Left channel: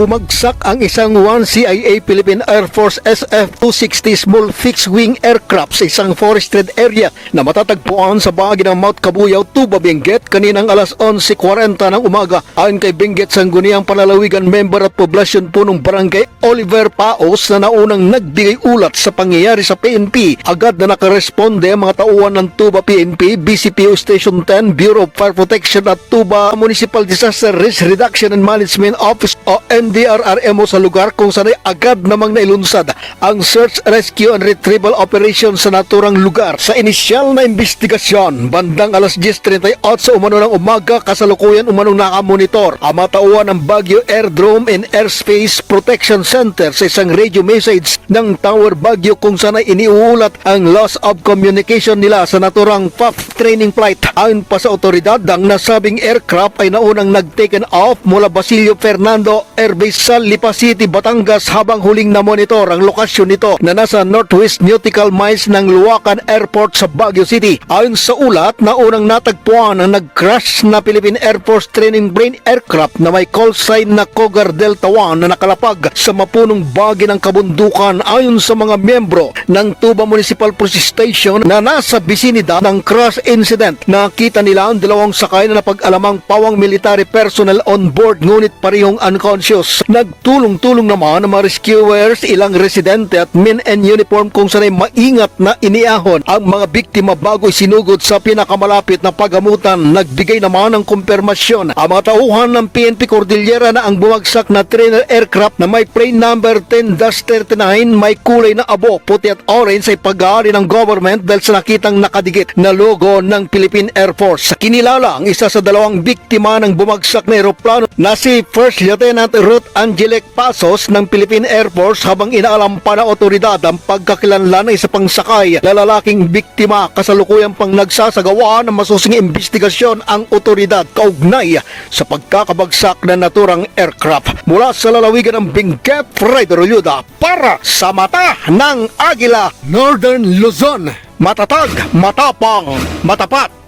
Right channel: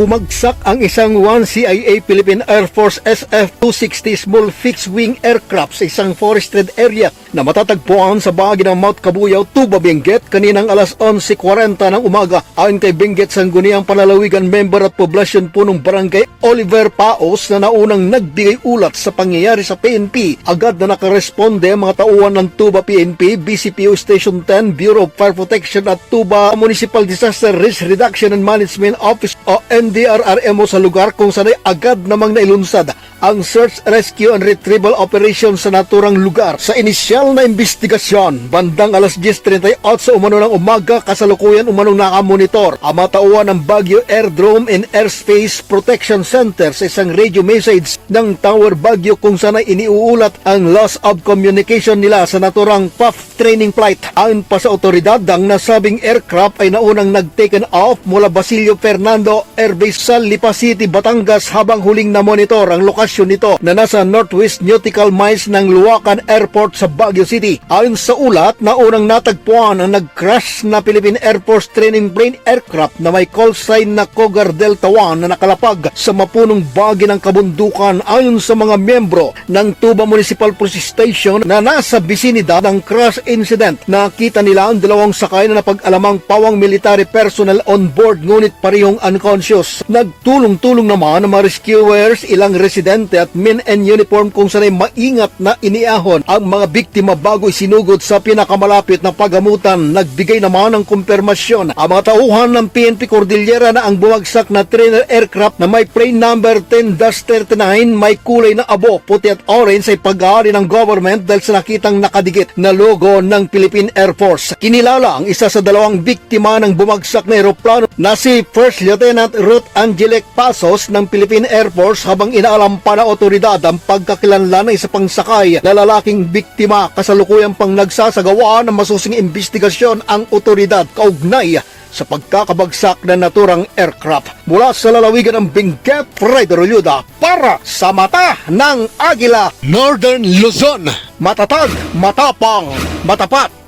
bumagsak ang isang 1CIA Philippine Air Force SF-260 small fixed-wing aircraft sa isang forested area na matatagpuan sa bahagi ng Mount Cabuyao, Tuba, Benguet kaninang alas 11:40 ng umaga. Ayon kay Benguet Sangguniang Panlalawigan member at poblasyon po ng barangay Oliver Paos na naunang nagbigay ulat sa pangyayari sa PNP, agad na nakaresponde ang mga tauhan ng Tuba PNP, BCPO Station 10, Bureau of Fire Protection at Tuba Municipal Disaster Risk Reduction and Management Office o NDRRMO sa lugar kung saan ay agad namang nailunsad ang search, rescue and retrieval operation sa naturang lugar. Sa inisyal na investigasyon, bandang alas 10:38 sa umano ng umaga, kasalukuyan umanong nakamonitor ang mga tauhan ng Baguio Airdrome and Airspace Protection Center sa isang radio message ng Tower Baguio kung saan ay iniuulat ang loss of communication nila sa naturang FAF training flight. Ayon pa sa otoridad, ang nasabing aircraft ay naunang nag-taken off mula Basilio Fernando Airbase sa Lipa City, Batangas habang huling na-monitor ang lokasyon nito na nasa northwest nautical miles ng Luacan Airport sa Baguio City. Ayon sa ulat, naunang natagpuan ang nag-crash na Philippine Air Force training plane aircraft na may call sign na Cougar Delta 1 na nakalapag sa mapunong bahagi ng kabundukan. Ayon sa mga miyembro ng Tuba Municipal Police Station na nasa bisinidad ng crash incident, nakita nila ang dalawang sakay na napag-alamang pawang military personnel on board ngunit parehong unconscious. Nagtulong-tulong naman ang mga rescuers, ilang residente at men in uniform kung sanay maingat na iniahon ang mga biktima bago isinugod sa pinakamalapit na paggamutan. Nagbigay naman ng kumpirmasyon ang mga tauhan ng PNP Cordillera na ang bumagsak na trainer aircraft na may plane number 10-39 may kulay na abo, puti at orange ay pag-aari ng government dahil sa nakitang nakadikit na logo ng Philippine Air Force. Kinilala ang isa sa dalawang biktima ng bumagsak na eroplano na si First Lieutenant Ruth Angelic Pasos ng Philippine Air Force habang inaalam pa ng otoridad ang pagkakilanlan ng isa pang sakay na lalaking biktima. Kasalukuyang pang nagsasagawa ng masusing investigasyon ang otoridad kaugnay sa pagkakabagsak ng naturang aircraft. Mula sa lalawigan ng Benguet, Fred Roluda para sa Mata ng Agila, Northern Luzon. Matatag, matapang, matapat.